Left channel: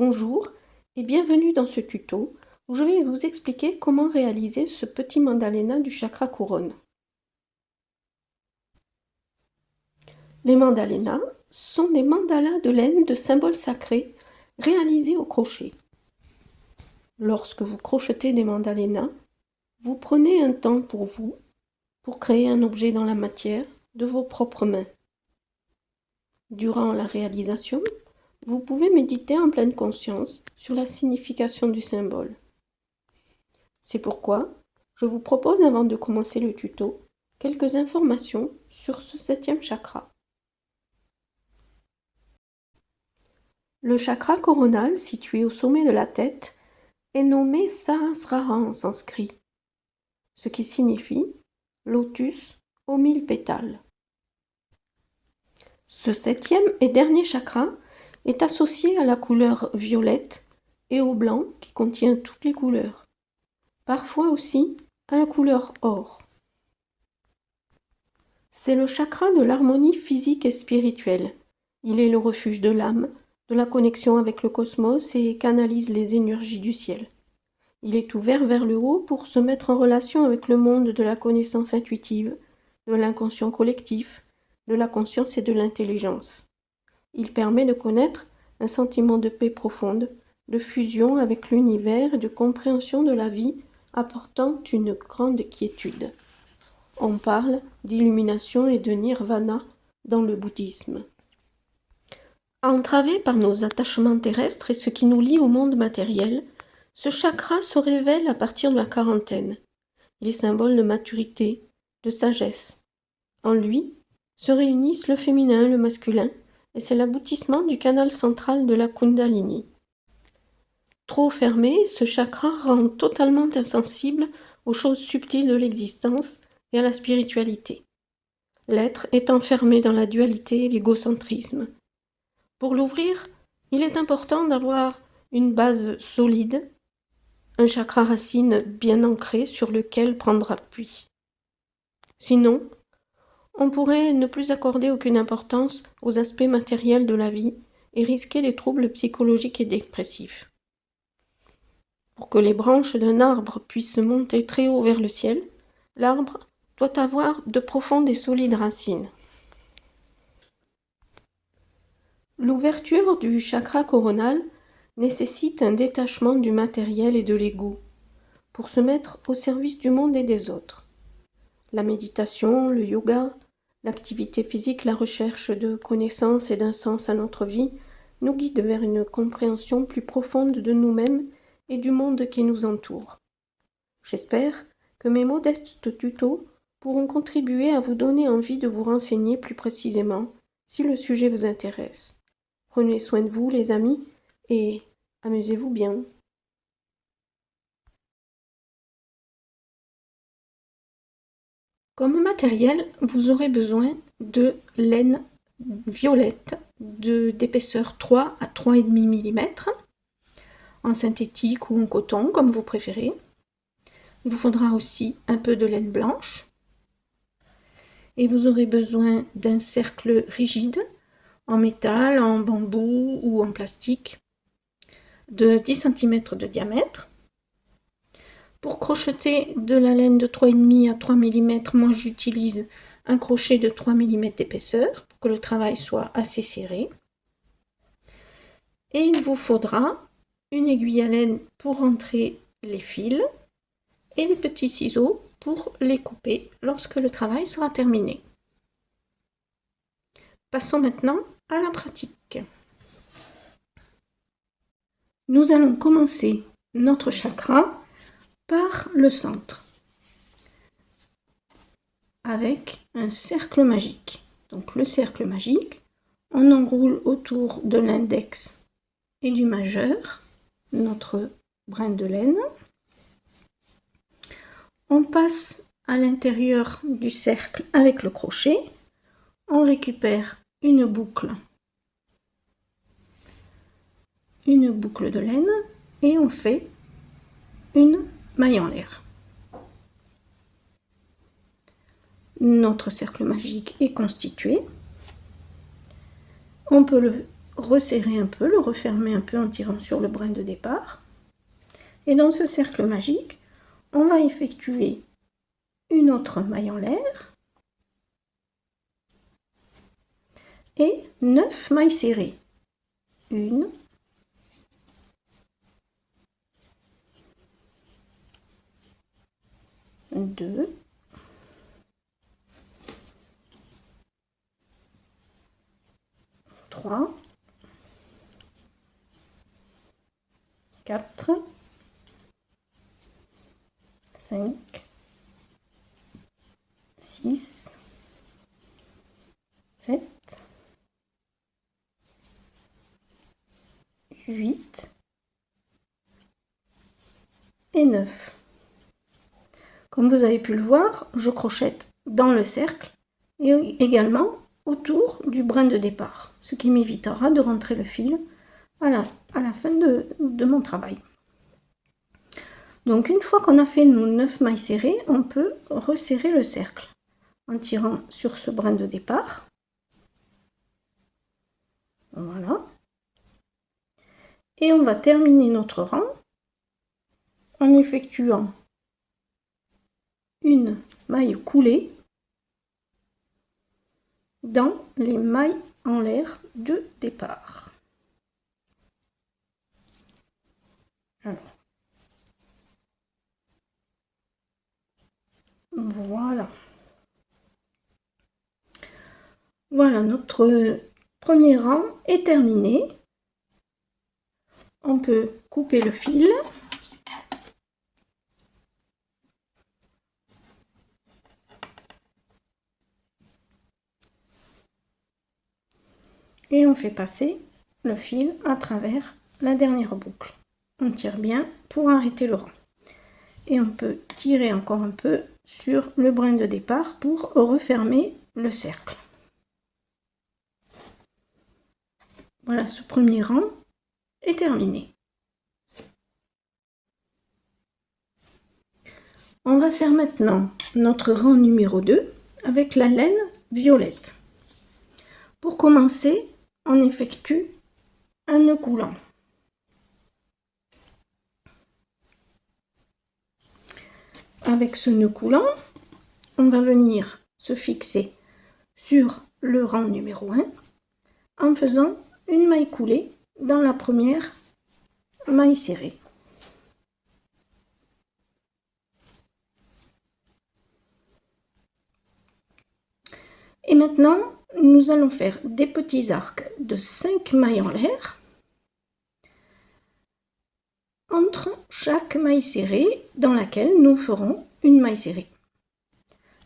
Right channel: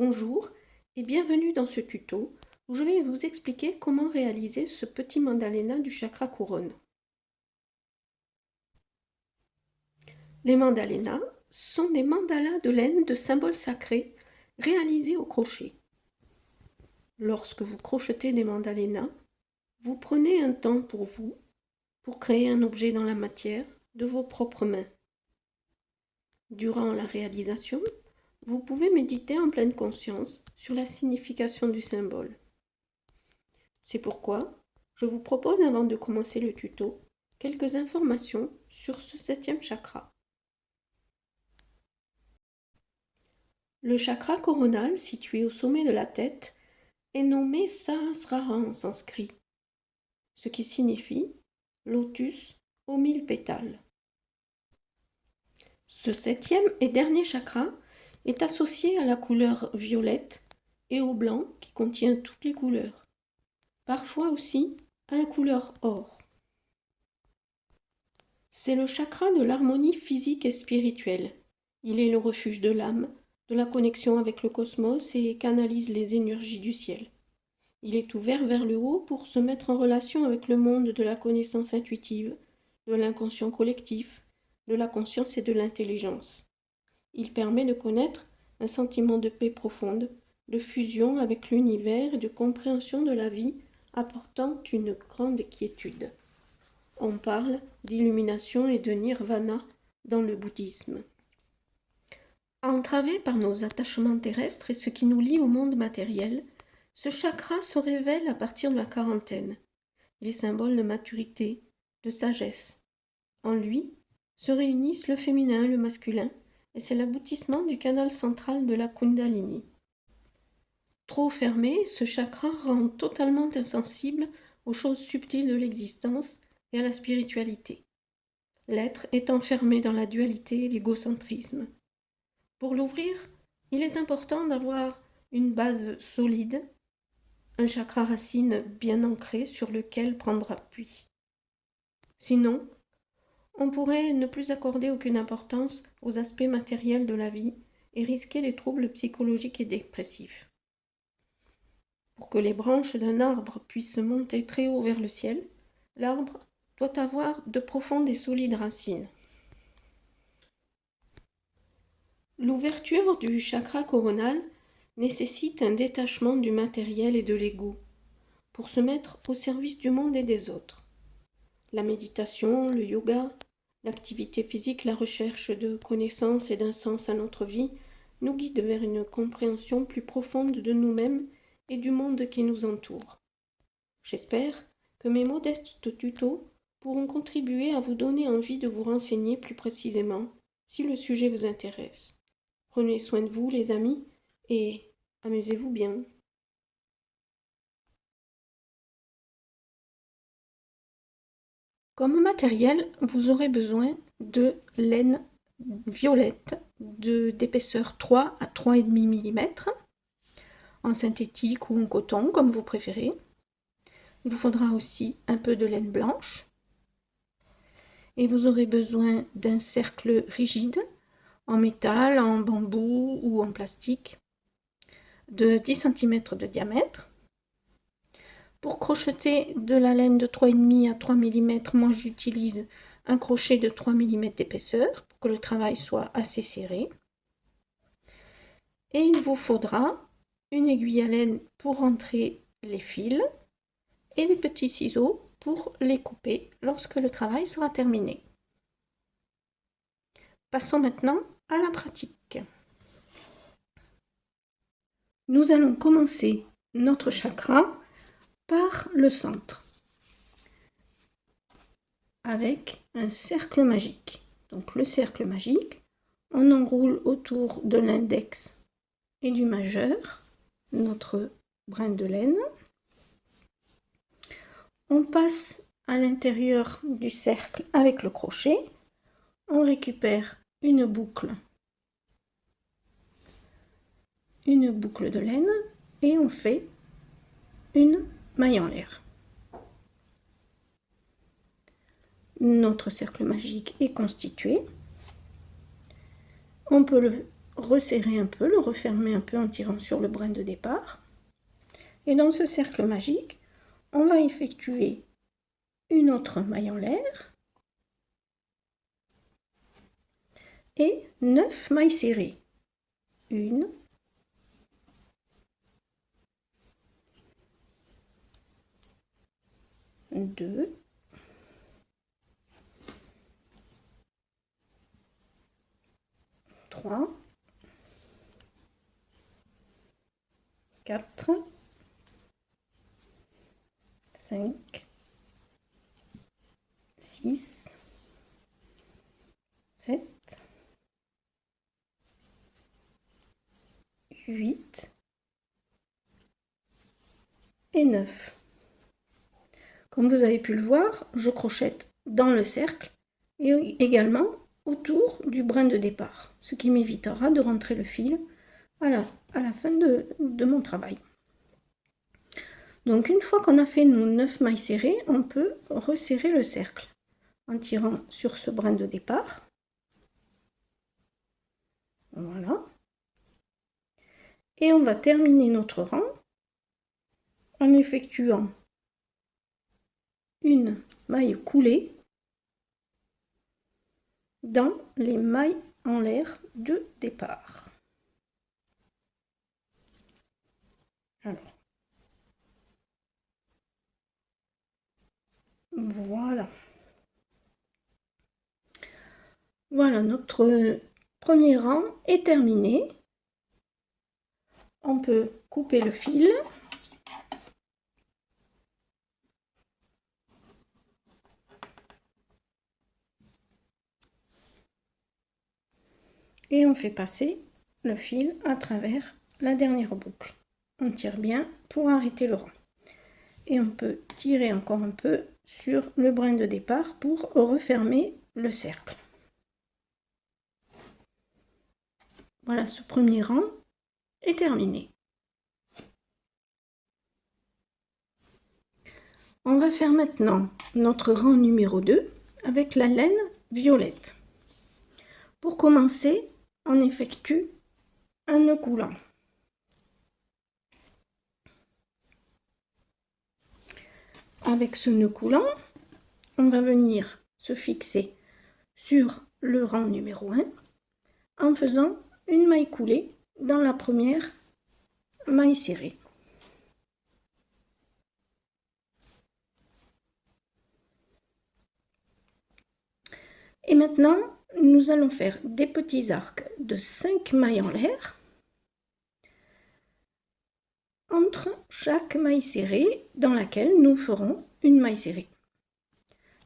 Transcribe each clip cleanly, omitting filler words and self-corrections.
Bonjour et bienvenue dans ce tuto où je vais vous expliquer comment réaliser ce petit mandalena du chakra couronne. Les mandalenas sont des mandalas de laine de symboles sacrés réalisés au crochet. Lorsque vous crochetez des mandalenas, vous prenez un temps pour vous, pour créer un objet dans la matière de vos propres mains. Durant la réalisation, vous pouvez méditer en pleine conscience sur la signification du symbole. C'est pourquoi je vous propose, avant de commencer le tuto, quelques informations sur ce 7e chakra. Le chakra coronal, situé au sommet de la tête, est nommé Sahasrara en sanskrit, ce qui signifie lotus aux 1000 pétales. Ce 7e et dernier chakra est associé à la couleur violette et au blanc qui contient toutes les couleurs, parfois aussi à la couleur or. C'est le chakra de l'harmonie physique et spirituelle. Il est le refuge de l'âme, de la connexion avec le cosmos et canalise les énergies du ciel. Il est ouvert vers le haut pour se mettre en relation avec le monde de la connaissance intuitive, de l'inconscient collectif, de la conscience et de l'intelligence. Il permet de connaître un sentiment de paix profonde, de fusion avec l'univers et de compréhension de la vie, apportant une grande quiétude. On parle d'illumination et de nirvana dans le bouddhisme. Entravé par nos attachements terrestres et ce qui nous lie au monde matériel, ce chakra se révèle à partir de la quarantaine. Il est symbole de maturité, de sagesse. En lui se réunissent le féminin et le masculin, et c'est l'aboutissement du canal central de la Kundalini. Trop fermé, ce chakra rend totalement insensible aux choses subtiles de l'existence et à la spiritualité. L'être est enfermé dans la dualité et l'égocentrisme. Pour l'ouvrir, il est important d'avoir une base solide, un chakra racine bien ancré sur lequel prendre appui. Sinon, on pourrait ne plus accorder aucune importance aux aspects matériels de la vie et risquer des troubles psychologiques et dépressifs. Pour que les branches d'un arbre puissent monter très haut vers le ciel, l'arbre doit avoir de profondes et solides racines. L'ouverture du chakra coronal nécessite un détachement du matériel et de l'ego pour se mettre au service du monde et des autres. La méditation, le yoga, l'activité physique, la recherche de connaissances et d'un sens à notre vie nous guident vers une compréhension plus profonde de nous-mêmes et du monde qui nous entoure. J'espère que mes modestes tutos pourront contribuer à vous donner envie de vous renseigner plus précisément si le sujet vous intéresse. Prenez soin de vous, les amis, et amusez-vous bien. Comme matériel, vous aurez besoin de laine violette d'épaisseur 3 à 3,5 mm, en synthétique ou en coton, comme vous préférez. Il vous faudra aussi un peu de laine blanche. Et vous aurez besoin d'un cercle rigide, en métal, en bambou ou en plastique, de 10 cm de diamètre. Pour crocheter de la laine de 3,5 à 3 mm, moi j'utilise un crochet de 3 mm d'épaisseur pour que le travail soit assez serré. Et il vous faudra une aiguille à laine pour rentrer les fils et des petits ciseaux pour les couper lorsque le travail sera terminé. Passons maintenant à la pratique. Nous allons commencer notre chakra par le centre avec un cercle magique. Donc le cercle magique, on enroule autour de l'index et du majeur notre brin de laine. On passe à l'intérieur du cercle avec le crochet. On récupère une boucle de laine et on fait une maille en l'air. Notre cercle magique est constitué. On peut le resserrer un peu, le refermer un peu en tirant sur le brin de départ. Et dans ce cercle magique, on va effectuer une autre maille en l'air et 9 mailles serrées. 1, 2, 3, 4, 5, 6, 7, 8 et 9. Comme vous avez pu le voir, je crochette dans le cercle et également autour du brin de départ, ce qui m'évitera de rentrer le fil à la fin de mon travail. Donc une fois qu'on a fait nos 9 mailles serrées, on peut resserrer le cercle en tirant sur ce brin de départ. Voilà. Et on va terminer notre rang en effectuant une maille coulée dans les mailles en l'air de départ. Alors, voilà. Voilà, notre premier rang est terminé. On peut couper le fil. Et on fait passer le fil à travers la dernière boucle. On tire bien pour arrêter le rang. Et on peut tirer encore un peu sur le brin de départ pour refermer le cercle. Voilà, ce premier rang est terminé. On va faire maintenant notre rang numéro 2 avec la laine violette. Pour commencer, on effectue un nœud coulant. Avec ce nœud coulant, on va venir se fixer sur le rang numéro 1 en faisant une maille coulée dans la première maille serrée. Et maintenant, nous allons faire des petits arcs de 5 mailles en l'air entre chaque maille serrée dans laquelle nous ferons une maille serrée.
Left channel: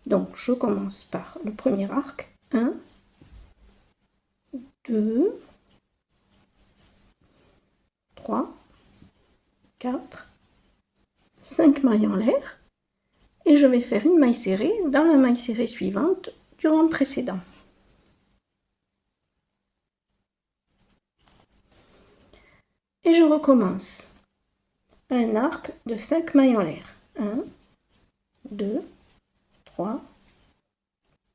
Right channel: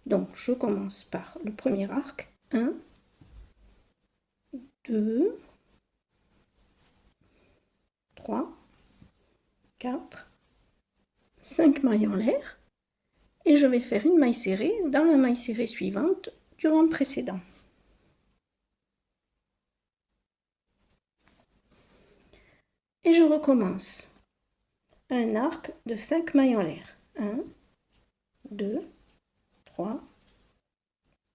Donc, je commence par le premier arc. 1, 2, 3, 4, 5 mailles en l'air. Et je vais faire une maille serrée dans la maille serrée suivante du rang précédent. Et je recommence un arc de 5 mailles en l'air. 1, 2, 3,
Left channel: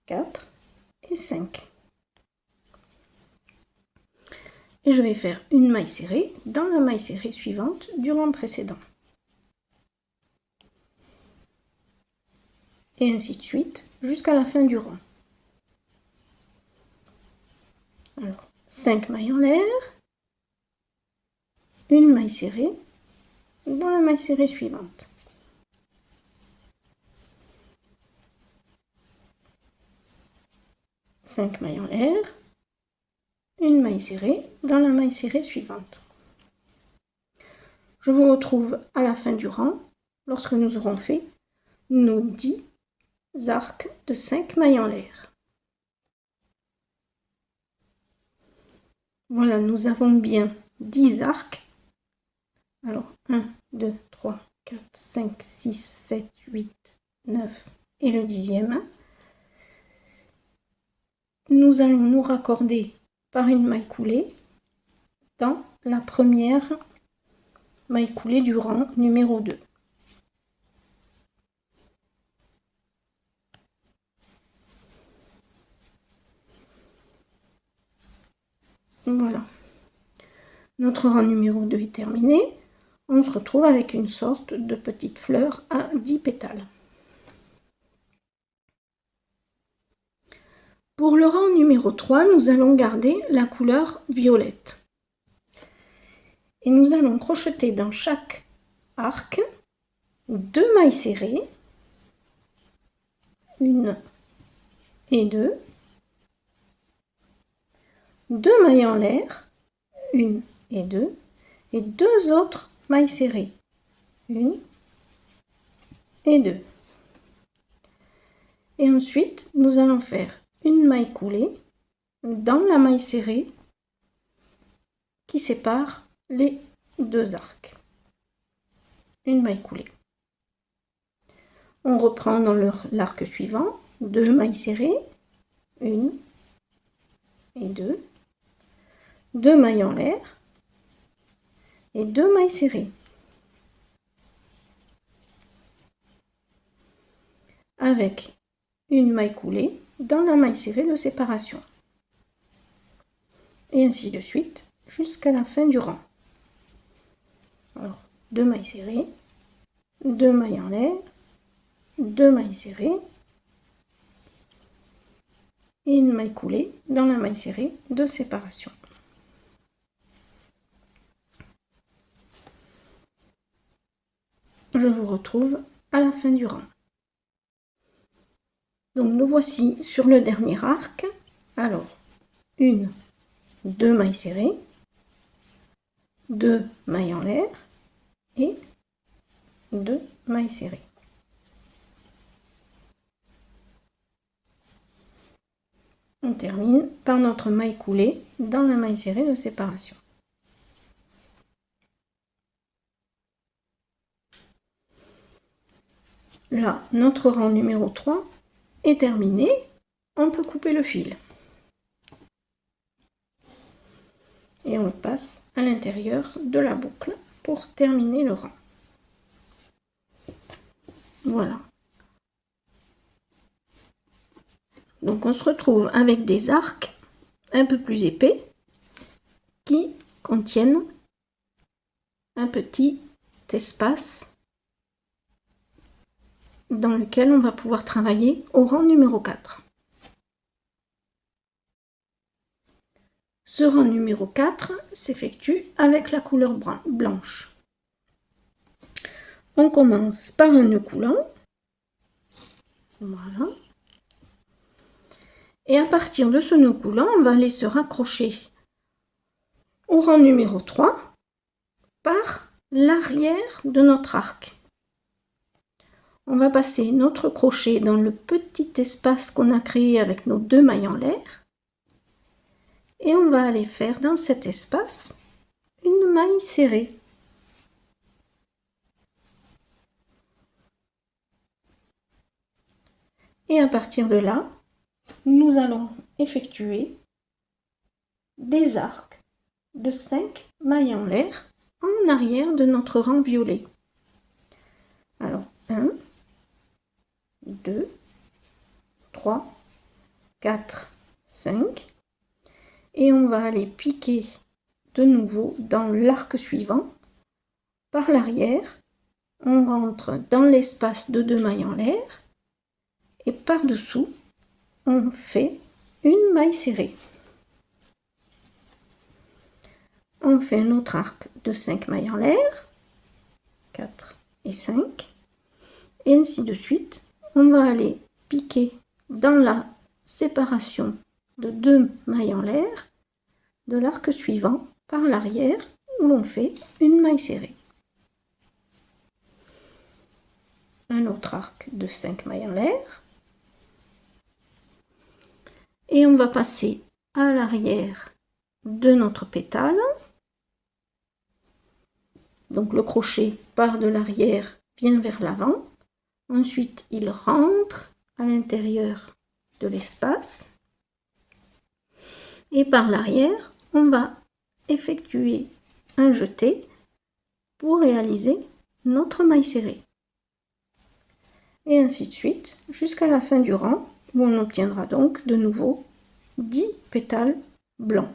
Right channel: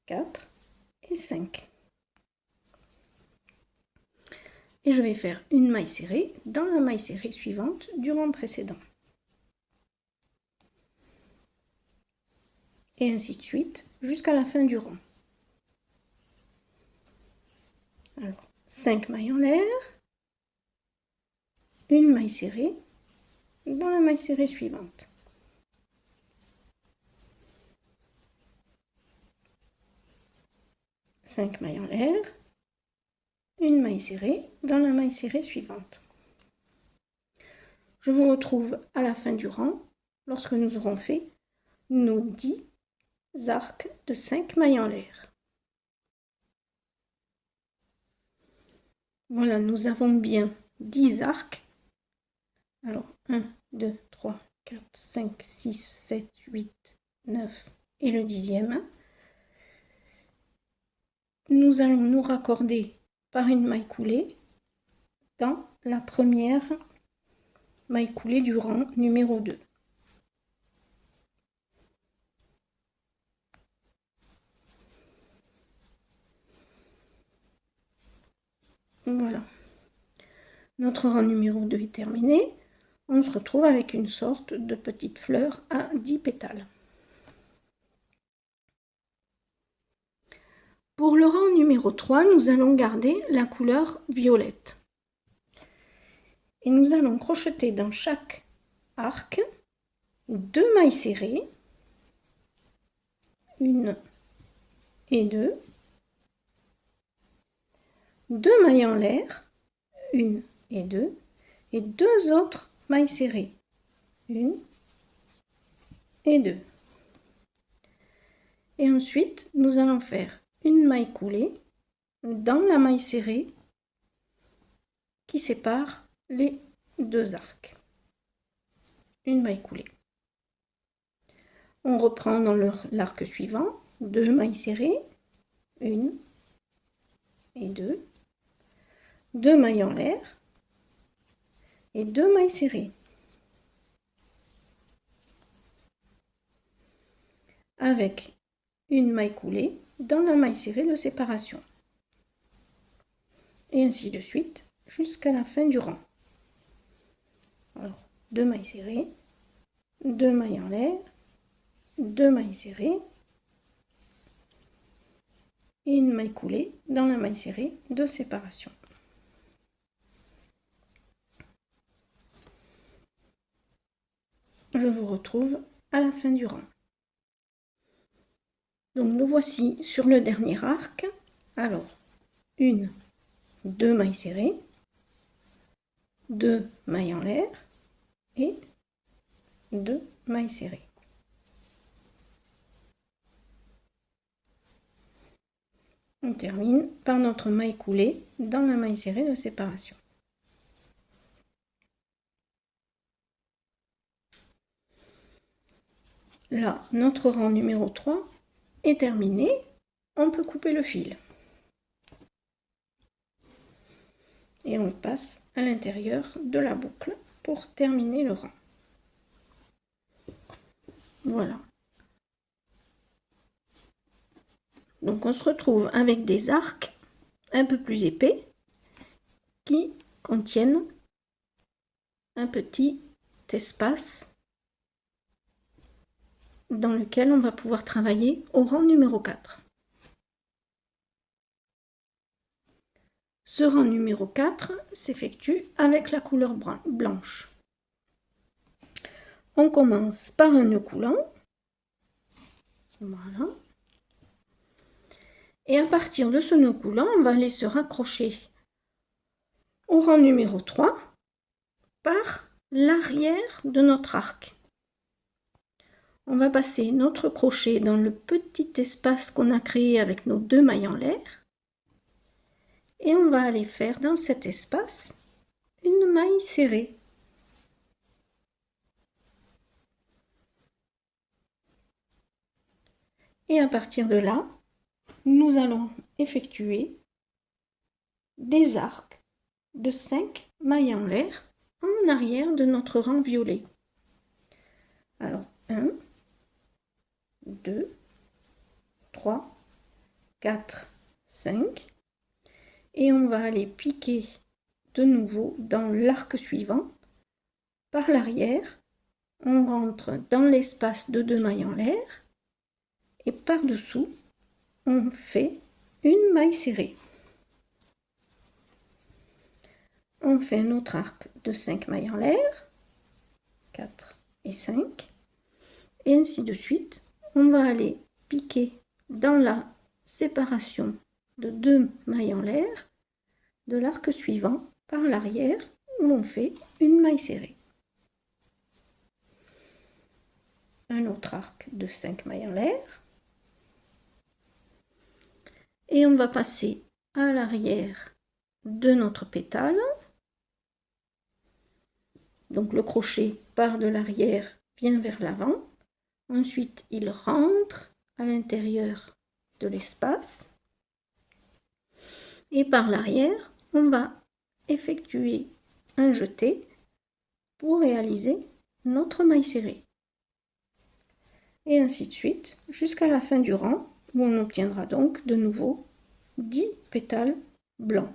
4 et 5. Et je vais faire une maille serrée dans la maille serrée suivante du rang précédent. Et ainsi de suite jusqu'à la fin du rang. Alors, 5 mailles en l'air, une maille serrée dans la maille serrée suivante. Cinq mailles en l'air, une maille serrée dans la maille serrée suivante. Je vous retrouve à la fin du rang lorsque nous aurons fait nos 10 arcs de 5 mailles en l'air. Voilà, nous avons bien 10 arcs. Alors, 1, 2, 3, 4, 5, 6, 7, 8, 9 et le 10e. Nous allons nous raccorder par une maille coulée dans la première maille coulée du rang numéro 2. Voilà. Notre rang numéro 2 est terminé. On se retrouve avec une sorte de petite fleur à 10 pétales. Pour le rang numéro 3, nous allons garder la couleur violette. Et nous allons crocheter dans chaque arc 2 mailles serrées, 1 et 2, 2 mailles en l'air, 1 et 2, et 2 autres mailles serrées, 1 et 2. Et ensuite, nous allons faire une maille coulée dans la maille serrée qui sépare les 2 arcs. Une maille coulée. On reprend dans l'arc suivant, 2 mailles serrées, 1 et 2, 2 mailles en l'air et 2 mailles serrées. Avec une maille coulée dans la maille serrée de séparation. Et ainsi de suite jusqu'à la fin du rang. Alors, 2 mailles serrées, 2 mailles en l'air, 2 mailles serrées et une maille coulée dans la maille serrée de séparation. Je vous retrouve à la fin du rang. Donc nous voici sur le dernier arc. Alors, 1, 2 mailles serrées, 2 mailles en l'air et 2 mailles serrées. On termine par notre maille coulée dans la maille serrée de séparation. Là, notre rang numéro 3 est terminé. On peut couper le fil. Et on passe à l'intérieur de la boucle pour terminer le rang. Voilà. Donc on se retrouve avec des arcs un peu plus épais qui contiennent un petit espace dans lequel on va pouvoir travailler au rang numéro 4. Ce rang numéro 4 s'effectue avec la couleur blanche. On commence par un nœud coulant. Voilà. Et à partir de ce nœud coulant, on va aller se raccrocher au rang numéro 3 par l'arrière de notre arc. On va passer notre crochet dans le petit espace qu'on a créé avec nos 2 mailles en l'air. Et on va aller faire dans cet espace une maille serrée. Et à partir de là, nous allons effectuer des arcs de 5 mailles en l'air en arrière de notre rang violet. Alors, 1, 2, 3, 4, 5. Et on va aller piquer de nouveau dans l'arc suivant. Par l'arrière, on rentre dans l'espace de 2 mailles en l'air. Et par-dessous, on fait une maille serrée. On fait un autre arc de 5 mailles en l'air, 4 et 5, et ainsi de suite. On va aller piquer dans la séparation de 2 mailles en l'air de l'arc suivant par l'arrière où l'on fait une maille serrée. Un autre arc de 5 mailles en l'air. Et on va passer à l'arrière de notre pétale. Donc le crochet part de l'arrière, vient vers l'avant. Ensuite, il rentre à l'intérieur de l'espace. Et par l'arrière, on va effectuer un jeté pour réaliser notre maille serrée. Et ainsi de suite, jusqu'à la fin du rang, où on obtiendra donc de nouveau 10 pétales blancs.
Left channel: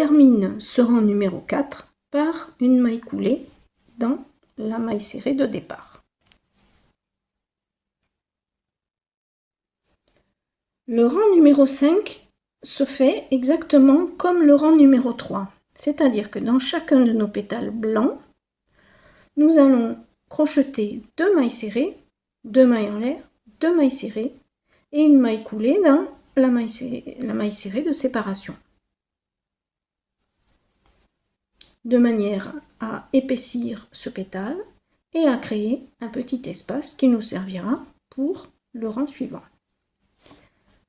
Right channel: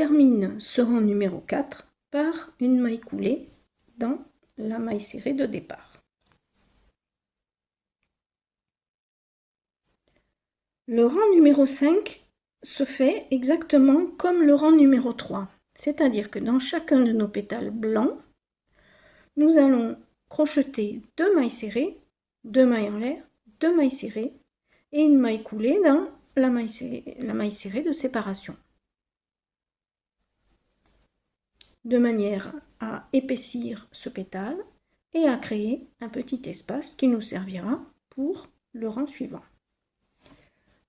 termine ce rang numéro 4 par une maille coulée dans la maille serrée de départ. Le rang numéro 5 se fait exactement comme le rang numéro 3, c'est-à-dire que dans chacun de nos pétales blancs, nous allons crocheter 2 mailles serrées, 2 mailles en l'air, 2 mailles serrées et une maille coulée dans la maille serrée de séparation, de manière à épaissir ce pétale et à créer un petit espace qui nous servira pour le rang suivant.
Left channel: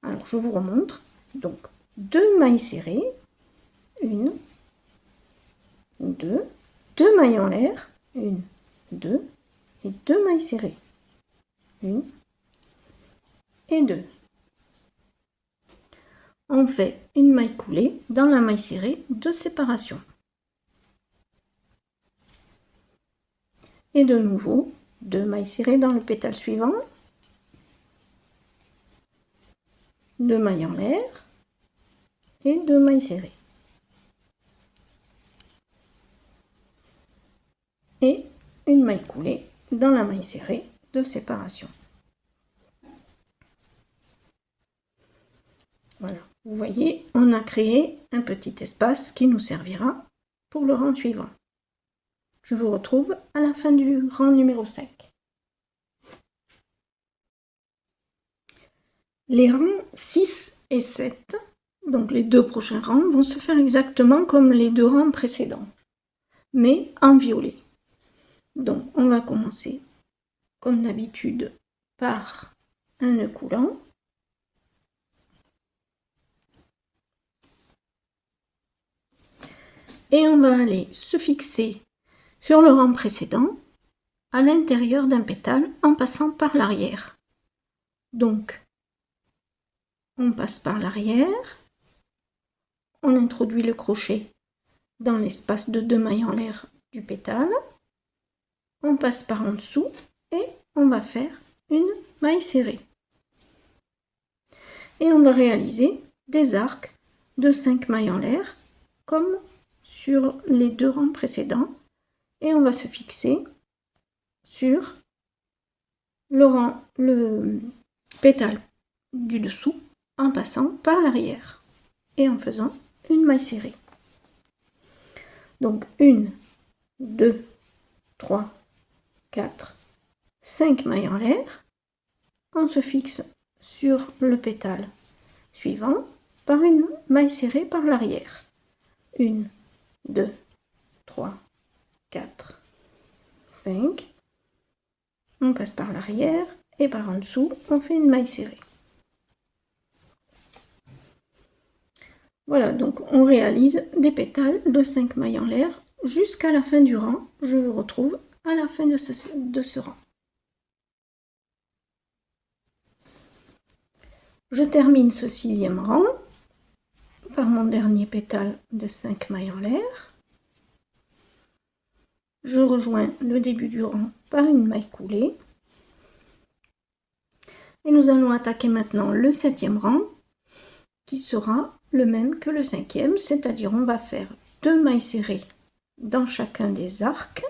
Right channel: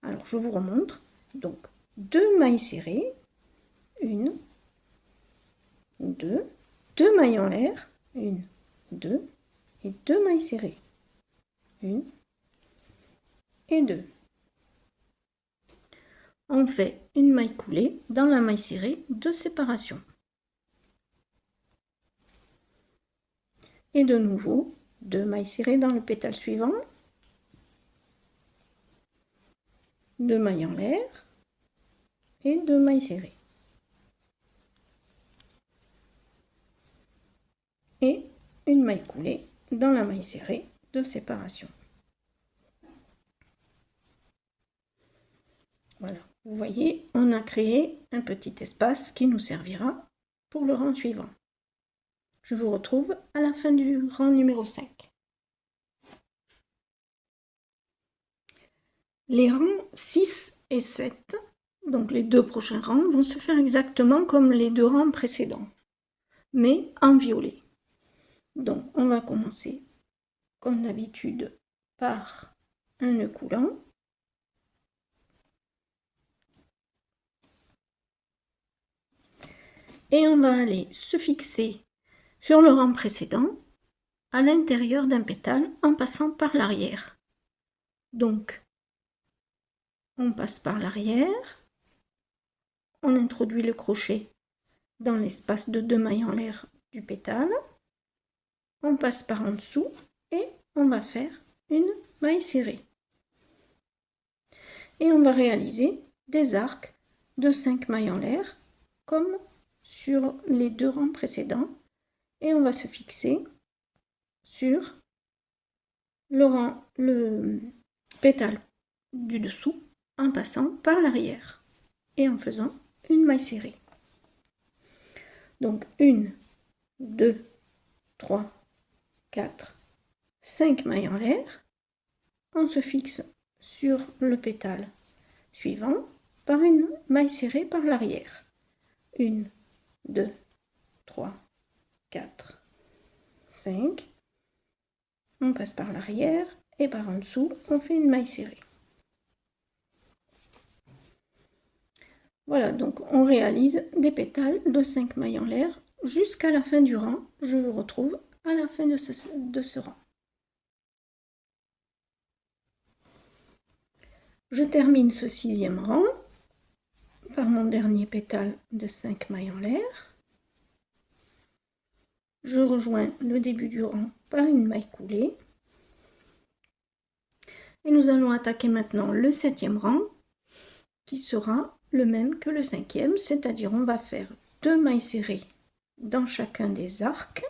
Alors je vous remontre, donc 2 mailles serrées, 1, 2, 2 mailles en l'air, 1, 2 et 2 mailles serrées, 1 et 2. On fait une maille coulée dans la maille serrée de séparation. Et de nouveau, 2 mailles serrées dans le pétale suivant, 2 mailles en l'air et 2 mailles serrées. Et une maille coulée dans la maille serrée de séparation. Voilà, vous voyez, on a créé un petit espace qui nous servira pour le rang suivant. Je vous retrouve à la fin du rang numéro 5. Les rangs 6 et 7, donc les 2 prochains rangs, vont se faire exactement comme les 2 rangs précédents, mais en violet. Donc on va commencer comme d'habitude par un nœud coulant. Et on va aller se fixer sur le rang précédent à l'intérieur d'un pétale en passant par l'arrière. Donc on passe par l'arrière, on introduit le crochet dans l'espace de 2 mailles en l'air du pétale, on passe par en dessous et on va faire une maille serrée. Et on va réaliser des arcs de 5 mailles en l'air comme sur les 2 rangs précédents et on va se fixer sur le pétale du dessous en passant par l'arrière et en faisant une maille serrée. Donc 1, 2, 3, 4, 5 mailles en l'air. On se fixe sur le pétale suivant par une maille serrée par l'arrière. 1, 2, 3, 4, 5. On passe par l'arrière et par en dessous, on fait une maille serrée. Voilà, donc on réalise des pétales de 5 mailles en l'air jusqu'à la fin du rang. Je vous retrouve à la fin de ce rang. Je termine ce 6e rang par mon dernier pétale de 5 mailles en l'air. Je rejoins le début du rang par une maille coulée. Et nous allons attaquer maintenant le 7e rang qui sera le même que le 5e, c'est-à-dire on va faire 2 mailles serrées dans chacun des arcs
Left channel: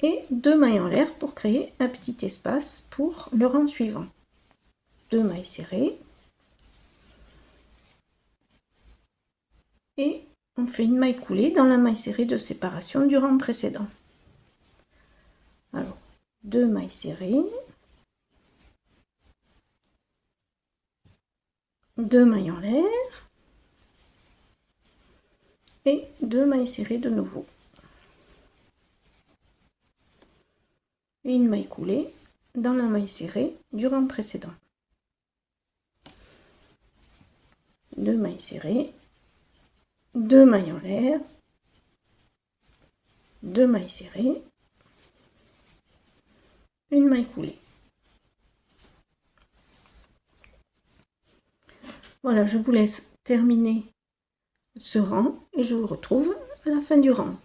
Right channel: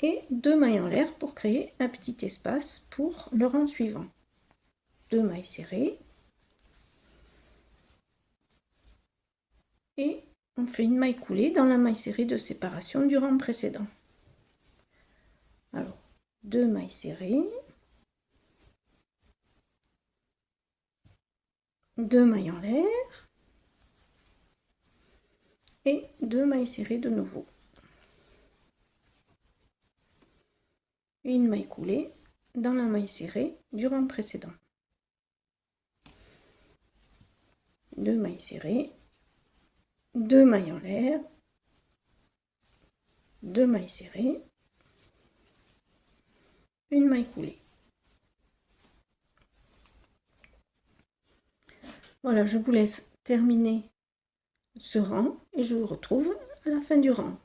et 2 mailles en l'air pour créer un petit espace pour le rang suivant. 2 mailles serrées et on fait une maille coulée dans la maille serrée de séparation du rang précédent. Alors 2 mailles serrées, 2 mailles en l'air et 2 mailles serrées de nouveau. Et une maille coulée dans la maille serrée du rang précédent. 2 mailles serrées, 2 mailles en l'air, 2 mailles serrées, une maille coulée. Voilà, je vous laisse terminer ce rang et je vous retrouve à la fin du rang.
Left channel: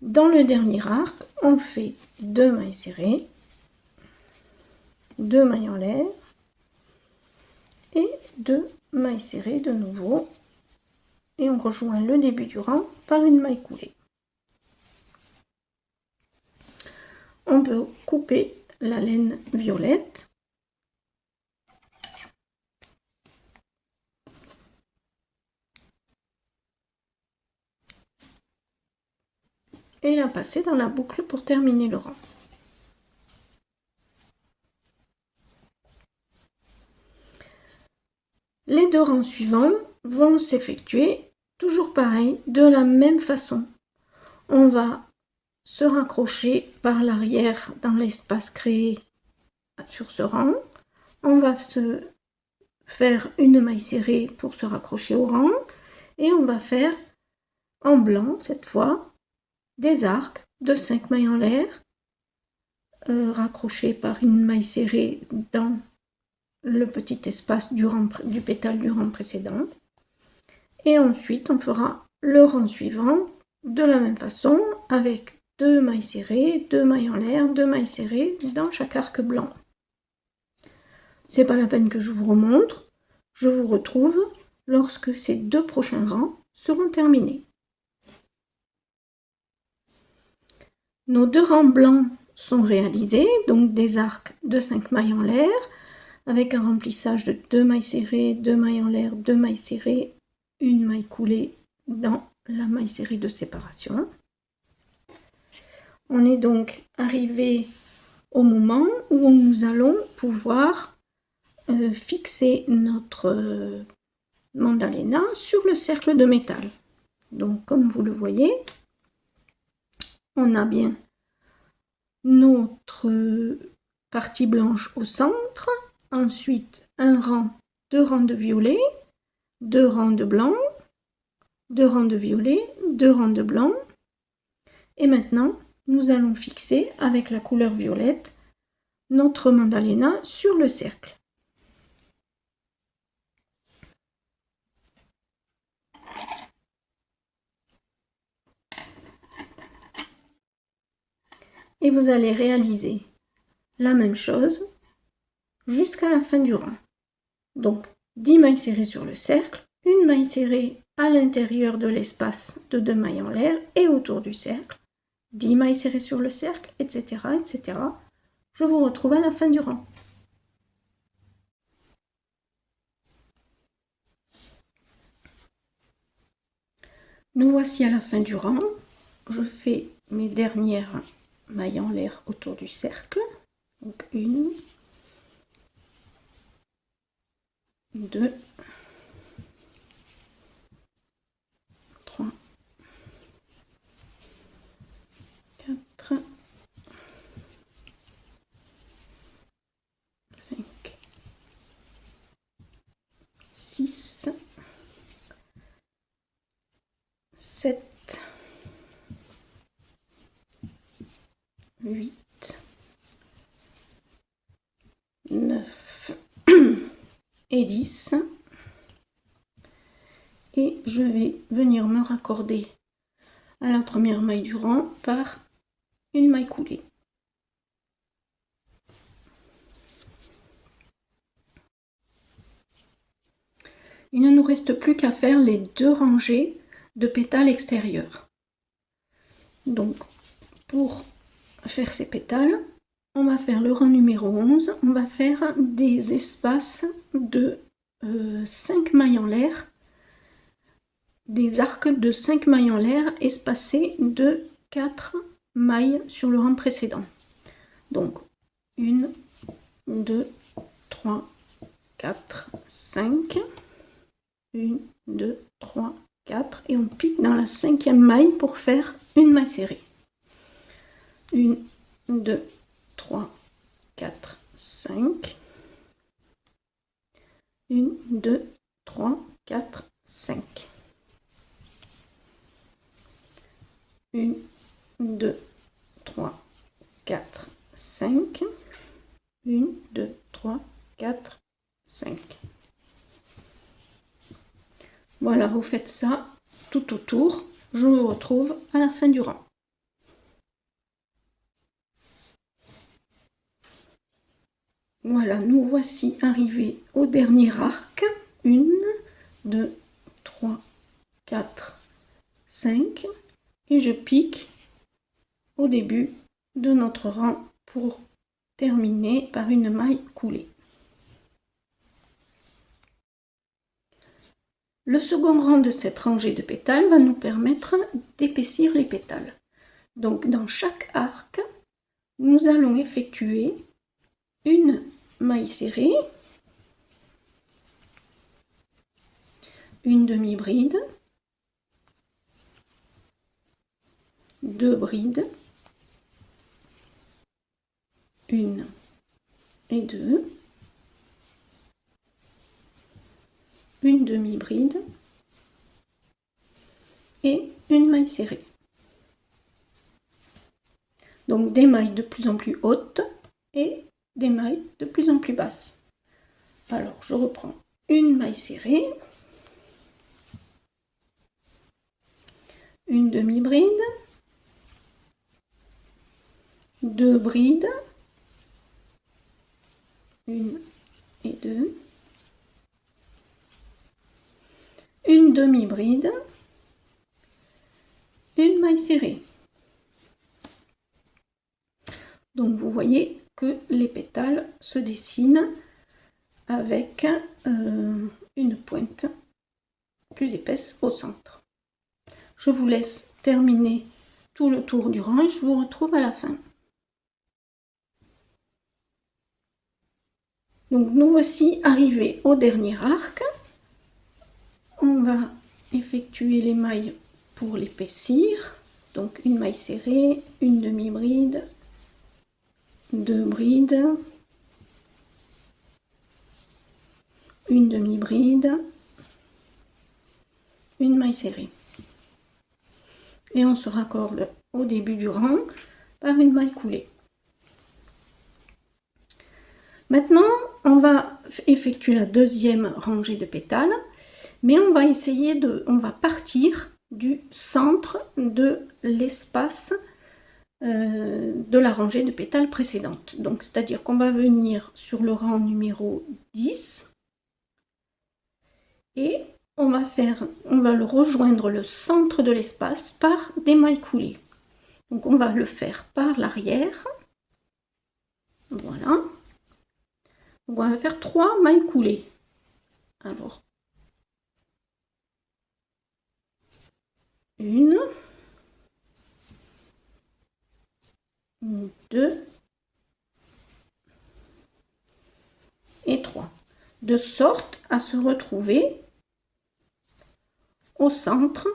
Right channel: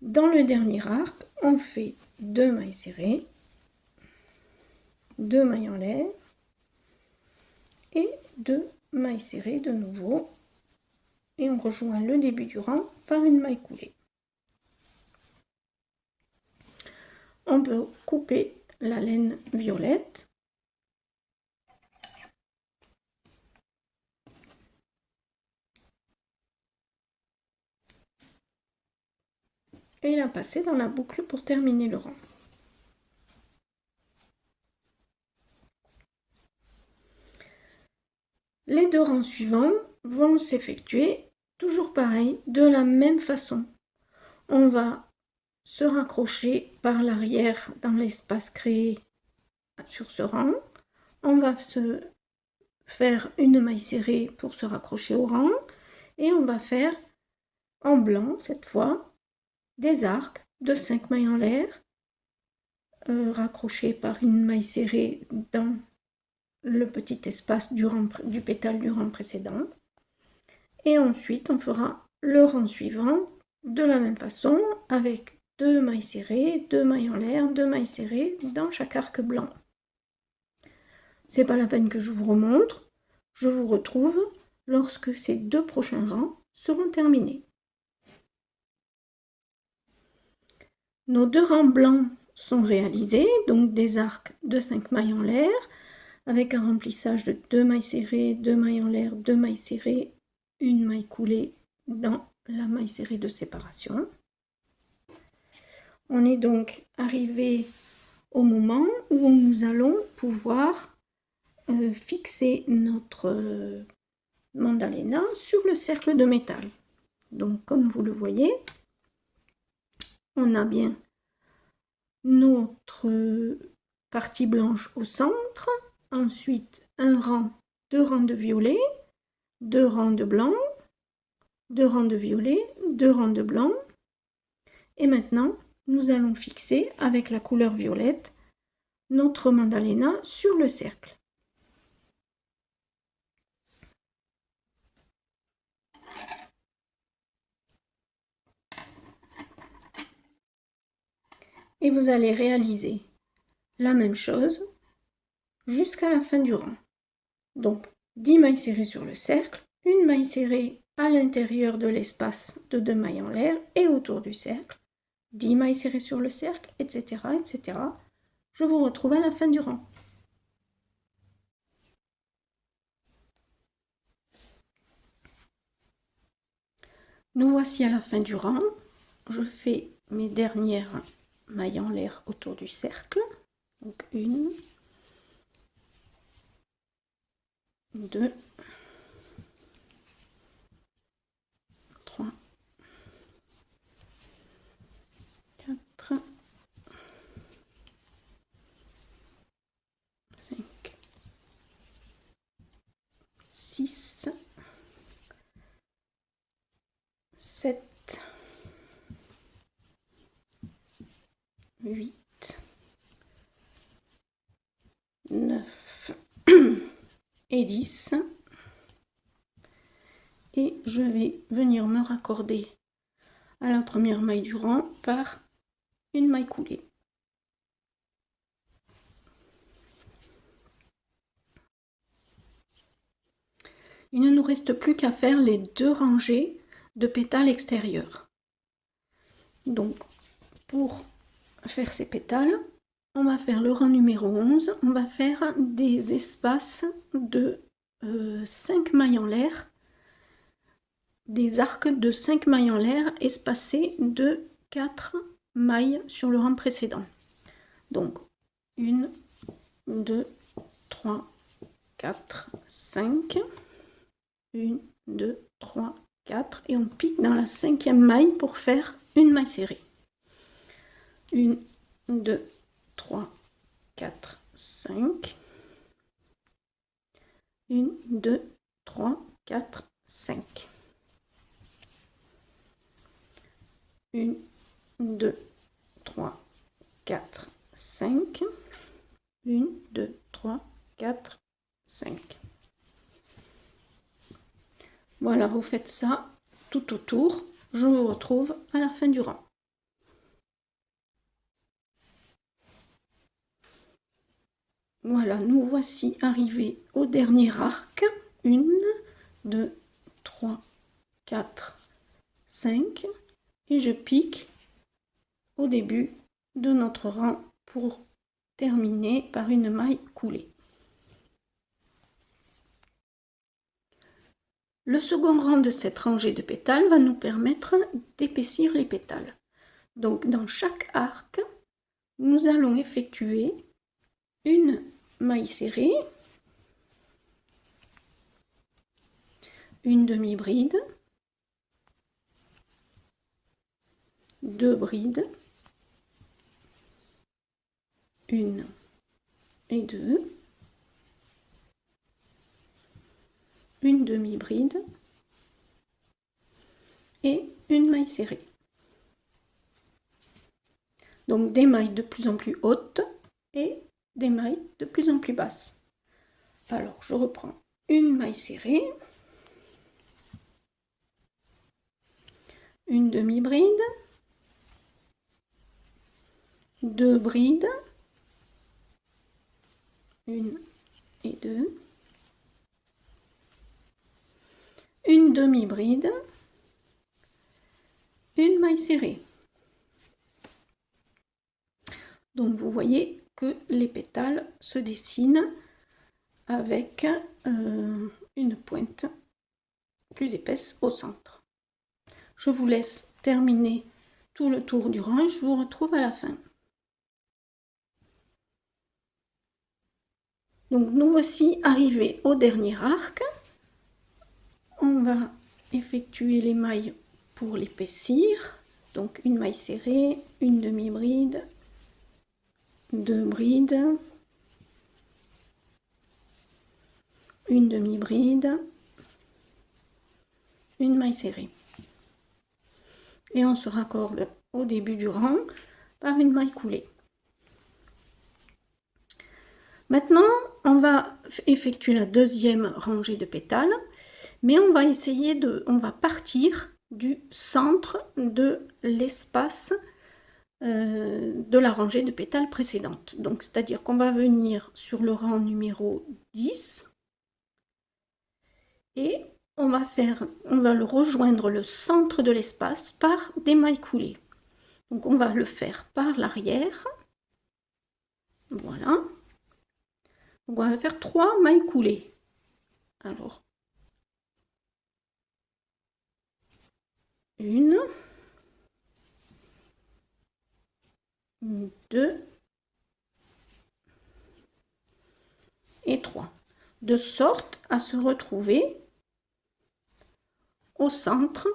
Dans le dernier arc, on fait 2 mailles serrées, 2 mailles en l'air et 2 mailles serrées de nouveau. Et on rejoint le début du rang par une maille coulée. On peut couper la laine violette. Et la passer dans la boucle pour terminer le rang. Les 2 rangs suivants vont s'effectuer toujours pareil, de la même façon. On va se raccrocher par l'arrière dans l'espace créé sur ce rang. On va se faire une maille serrée pour se raccrocher au rang et on va faire en blanc cette fois des arcs de 5 mailles en l'air raccrochés par une maille serrée dans le petit espace du pétale du rang précédent. Et ensuite on fera le rang suivant de la même façon avec 2 mailles serrées, 2 mailles en l'air, 2 mailles serrées dans chaque arc blanc. C'est pas la peine que je vous remontre, je vous retrouve lorsque ces 2 prochains rangs seront terminés. Nos 2 rangs blancs sont réalisés, donc des arcs de 5 mailles en l'air, avec un remplissage de 2 mailles serrées, 2 mailles en l'air, 2 mailles serrées, une maille coulée dans la maille serrée de séparation. On est donc arrivé au moment où nous allons pouvoir fixer notre mandalena sur le cercle de métal. Donc comme vous le voyez, on a bien notre partie blanche au centre, ensuite un rang, 2 rangs de violet, 2 rangs de blanc, 2 rangs de violet, 2 rangs de blanc, et maintenant nous allons fixer avec la couleur violette notre mandalena sur le cercle. Et vous allez réaliser la même chose jusqu'à la fin du rang. Donc 10 mailles serrées sur le cercle, une maille serrée à l'intérieur de l'espace de 2 mailles en l'air et autour du cercle, 10 mailles serrées sur le cercle, etc., etc. Je vous retrouve à la fin du rang. Nous voici à la fin du rang. Je fais mes dernières mailles en l'air autour du cercle. Donc 1, 2, 3, 4, 5, 6, 7, 8, 9 et 10. Et je vais venir me raccorder à la première maille du rang par une maille coulée. Il ne nous reste plus qu'à faire les 2 rangées de pétales extérieurs. Donc pour faire ces pétales, on va faire le rang numéro 11, on va faire des espaces de 5 mailles en l'air, des arcs de 5 mailles en l'air espacés de 4 mailles sur le rang précédent. Donc 1, 2, 3, 4, 5, 1, 2, 3, 4 et on pique dans la 5e maille pour faire une maille serrée. 1, 2, 3, 4, 5. 1, 2, 3, 4, 5. 1, 2, 3, 4, 5. 1, 2, 3, 4, 5. Voilà, vous faites ça tout autour. Je vous retrouve à la fin du rang. Voilà, nous voici arrivés au dernier arc. 1, 2, 3, 4, 5. Et je pique au début de notre rang pour terminer par une maille coulée. Le second rang de cette rangée de pétales va nous permettre d'épaissir les pétales. Donc dans chaque arc, nous allons effectuer une maille serrée, une demi-bride, 2 brides, 1 et 2, une demi-bride et une maille serrée. Donc des mailles de plus en plus hautes et des mailles de plus en plus basses. Alors je reprends une maille serrée, une demi-bride, 2 brides, 1 et 2, une demi-bride, une maille serrée. Donc vous voyez que les pétales se dessinent avec une pointe plus épaisse au centre. Je vous laisse terminer tout le tour du rang et je vous retrouve à la fin. Donc nous voici arrivés au dernier arc. On va effectuer les mailles pour l'épaissir. Donc une maille serrée, une demi-bride, 2 brides, une demi-bride, une maille serrée. Et on se raccorde au début du rang par une maille coulée. Maintenant, on va effectuer la deuxième rangée de pétales, mais on va partir du centre de l'espace de la rangée de pétales précédente. Donc, c'est-à-dire qu'on va venir sur le rang numéro 10 et on va le rejoindre le centre de l'espace par des mailles coulées. Donc, on va le faire par l'arrière. Voilà. Donc, on va faire 3 mailles coulées. Alors, 1, 2 et 3. De sorte à se retrouver au centre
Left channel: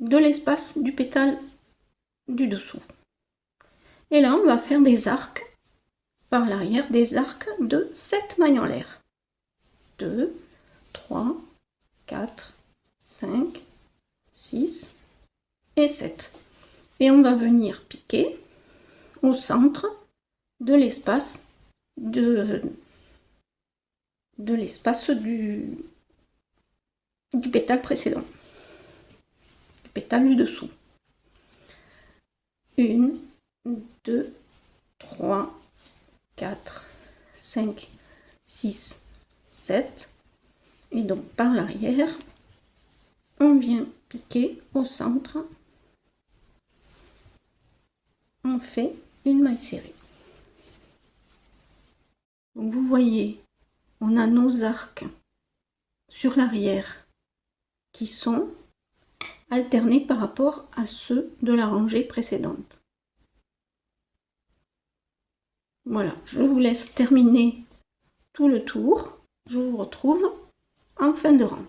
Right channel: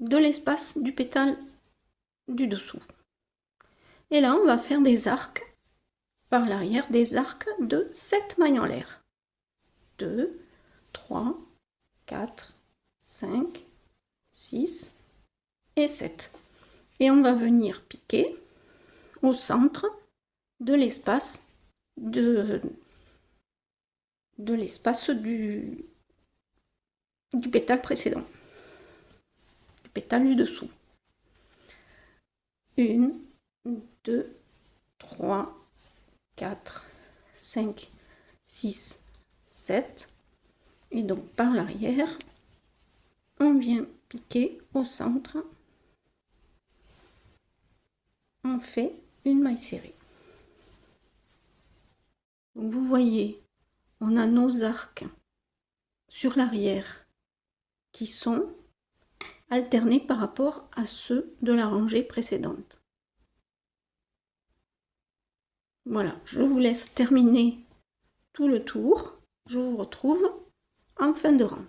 de l'espace du pétale du dessous. Et là, on va faire des arcs par l'arrière, des arcs de 7 mailles en l'air. 2, 3, 4, 5, 6 et 7. Et on va venir piquer au centre de l'espace du pétale précédent, du pétale du dessous. 1, 2, 3, 4, 5, 6, 7. Et donc par l'arrière, on vient piquer au centre. On fait une maille serrée. Donc vous voyez, on a nos arcs sur l'arrière qui sont alternés par rapport à ceux de la rangée précédente. Voilà, je vous laisse terminer tout le tour. Je vous retrouve en fin de rang.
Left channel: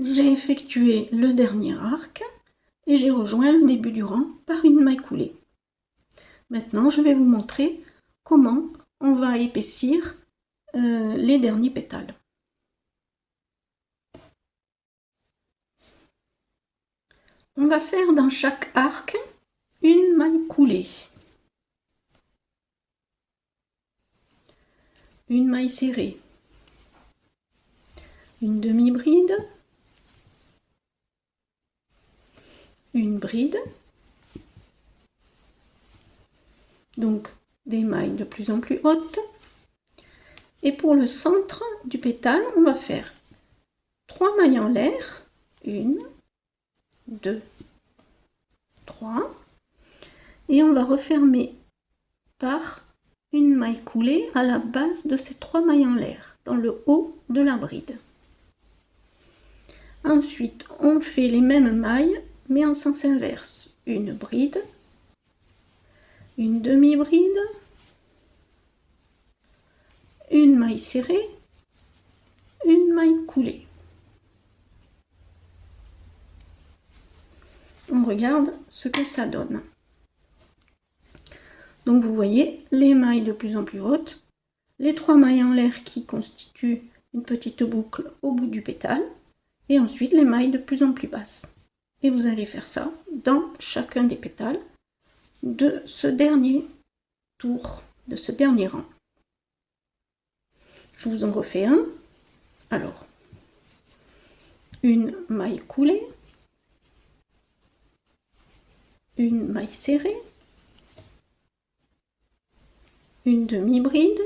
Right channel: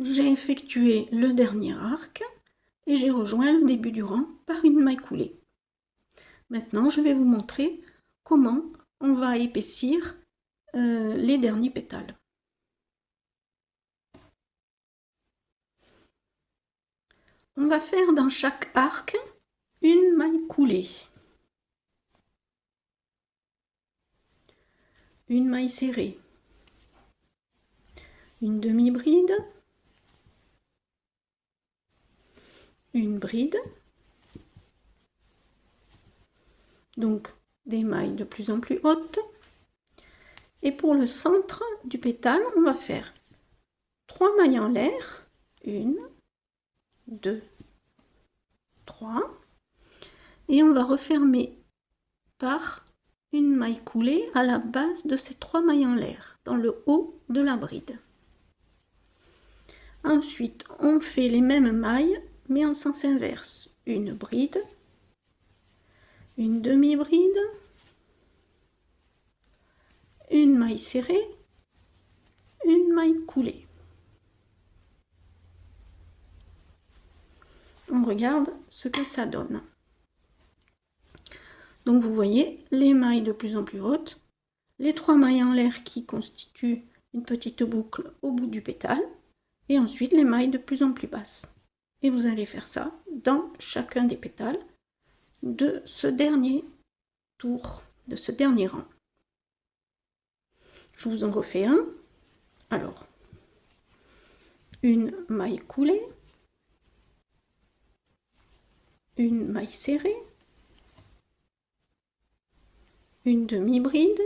J'ai effectué le dernier arc et j'ai rejoint le début du rang par une maille coulée. Maintenant, je vais vous montrer comment on va épaissir les derniers pétales. On va faire dans chaque arc une maille coulée, une maille serrée, une demi-bride, une bride, donc des mailles de plus en plus hautes. Et pour le centre du pétale, on va faire 3 mailles en l'air, 1, 2, 3, et on va refermer par une maille coulée à la base de ces 3 mailles en l'air, dans le haut de la bride. Ensuite, on fait les mêmes mailles, mais en sens inverse. Une bride, une demi-bride, une maille serrée, une maille coulée. On regarde ce que ça donne. Donc vous voyez les mailles de plus en plus hautes, les 3 mailles en l'air qui constituent une petite boucle au bout du pétale, et ensuite les mailles de plus en plus basses. Et vous allez faire ça dans chacun des pétales de ce dernier tour, de ce dernier rang. Je vous en refais un. Alors, une maille coulée, une maille serrée, une demi-bride,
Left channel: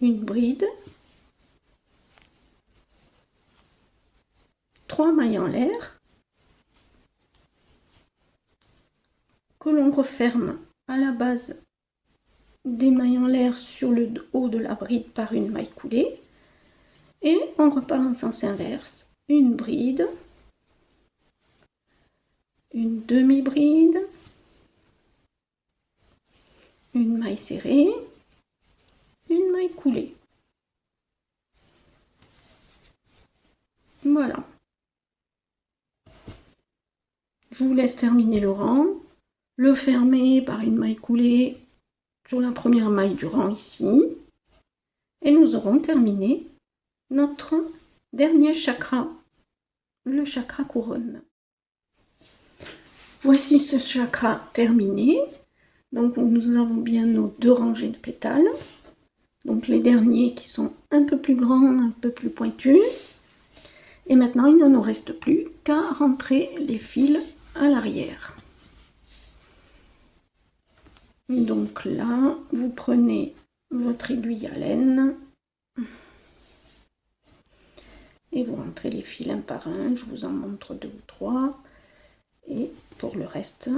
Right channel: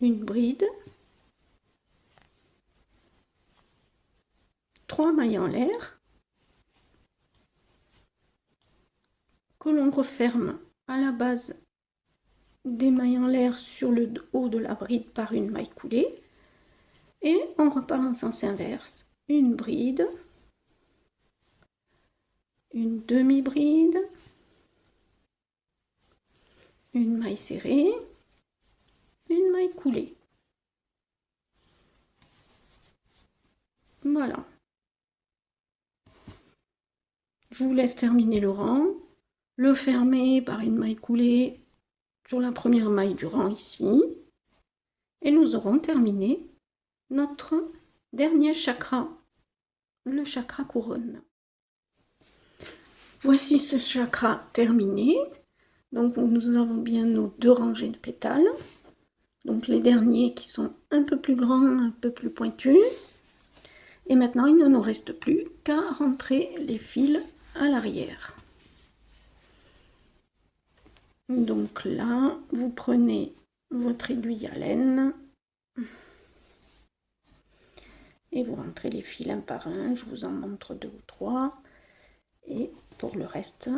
une bride, 3 mailles en l'air, que l'on referme à la base des mailles en l'air sur le haut de la bride par une maille coulée, et on repart en sens inverse, une bride, une demi-bride, une maille serrée, une maille coulée. Voilà. Je vous laisse terminer le rang, le fermer par une maille coulée sur la première maille du rang ici, et nous aurons terminé notre dernier chakra, le chakra couronne. Voici ce chakra terminé. Donc nous avons bien nos 2 rangées de pétales, donc les derniers qui sont un peu plus grands, un peu plus pointus. Et maintenant il ne nous reste plus qu'à rentrer les fils à l'arrière. Donc là, vous prenez votre aiguille à laine et vous rentrez les fils un par un. Je vous en montre 2 ou 3. Et pour le reste,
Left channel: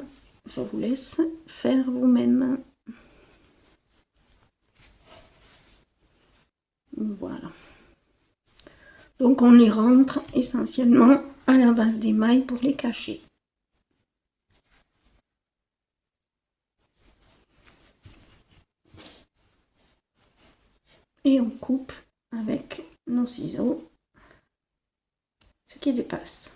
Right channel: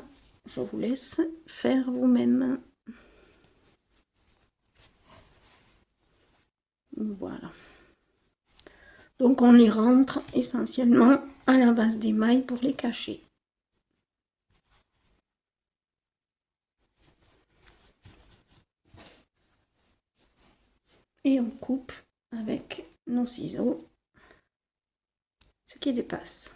je vous laisse faire vous-même. Voilà. Donc on les rentre essentiellement à la base des mailles pour les cacher. Et on coupe avec nos ciseaux ce qui dépasse.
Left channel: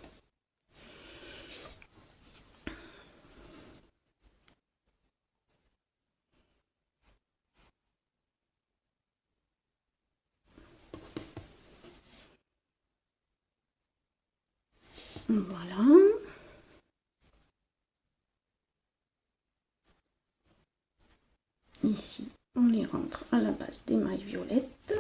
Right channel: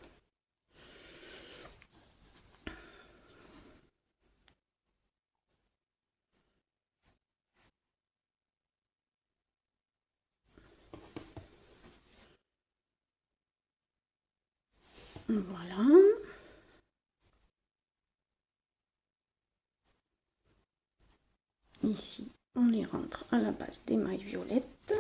Voilà. Ici, on les rentre à la base des mailles violettes.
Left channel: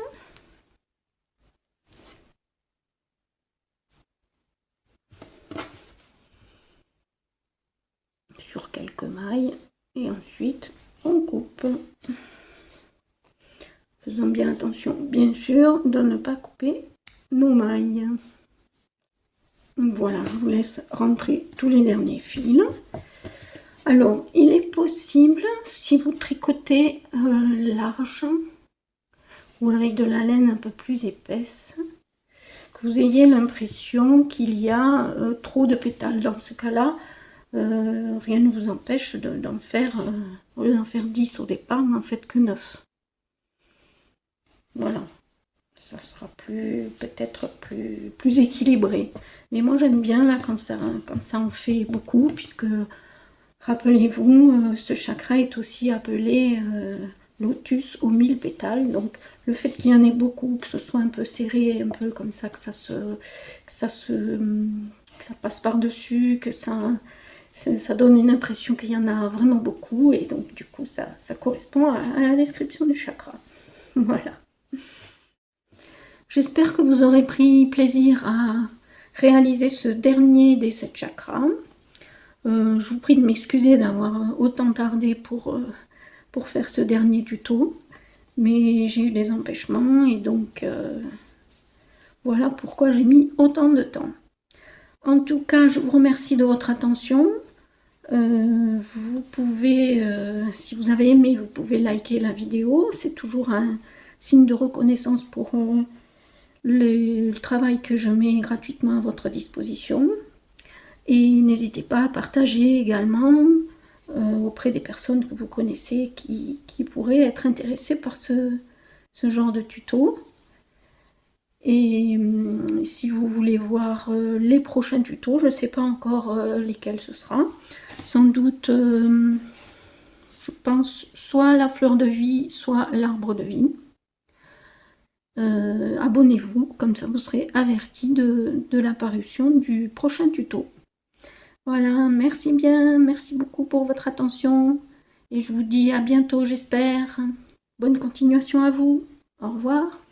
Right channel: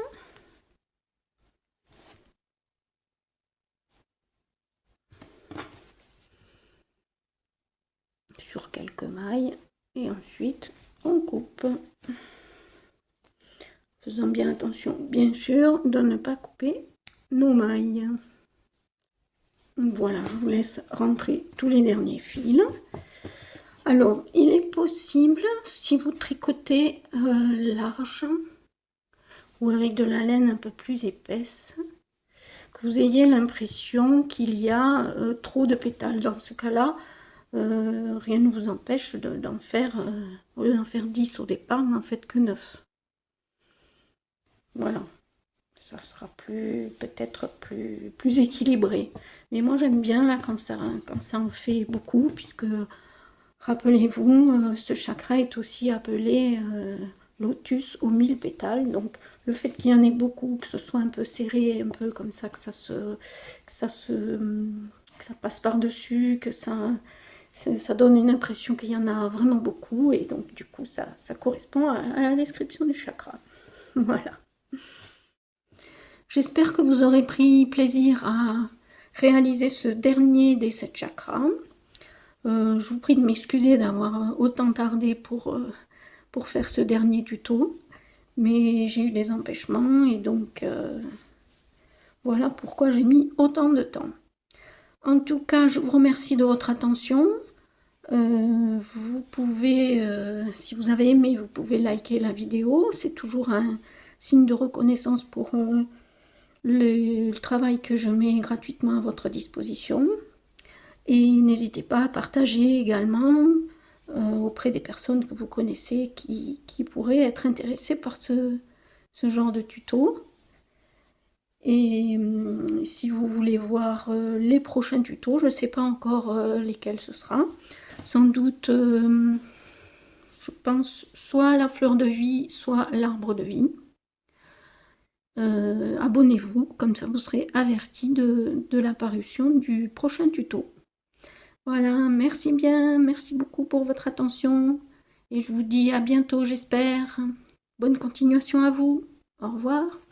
Sur quelques mailles. Et ensuite, on coupe. Faisons bien attention, bien sûr, de ne pas couper nos mailles. Voilà, je vous laisse rentrer tous les derniers fils. Alors, il est possible, si vous tricotez large ou avec de la laine un peu plus épaisse, que vous ayez l'impression qu'il y a trop de pétales. Dans ce cas-là, rien ne vous empêche d'en faire, au lieu d'en faire 10 au départ, n'en faites que 9. Voilà, ça sera peut-être plus équilibré. Mais moi j'aime bien là quand ça en fait beaucoup, puisque rappelez-vous, ce chakra est aussi appelé lotus aux 1000 pétales. Donc le fait qu'il y en ait beaucoup, que ce soit un peu serré, un peu comme ça, que ça passe par-dessus, que ça donne une impression qu'il y en a vraiment beaucoup, et donc du coup ça correspond à la description du chakra. Voilà. J'espère que vous aurez pris plaisir à réaliser ce dernier des 7 chakras. Je vous prie de m'excuser d'avoir autant tardé pour faire ce dernier tuto, mais j'ai eu des empêchements et donc voilà pourquoi j'ai mis autant de temps. En tout cas, je vous remercie de votre attention. Vous pouvez, si vous avez aimé, vous pouvez liker la vidéo. C'est toujours un signe de reconnaissance pour le travail que je mets gratuitement à votre disposition. Et n'hésitez pas à partager également auprès des personnes que vous connaissez qui pourraient être intéressées par ce genre de tuto. Et si vous voulez voir les prochains tutos, je ne sais pas encore lesquels ce sera. Sans doute, je pense, soit la fleur de vie, soit l'arbre de vie. Abonnez-vous, comme ça vous serez averti de l'apparition du prochain tuto. Voilà, merci bien, merci beaucoup pour votre attention. Et je vous dis à bientôt, j'espère. Bonne continuation à vous. Au revoir.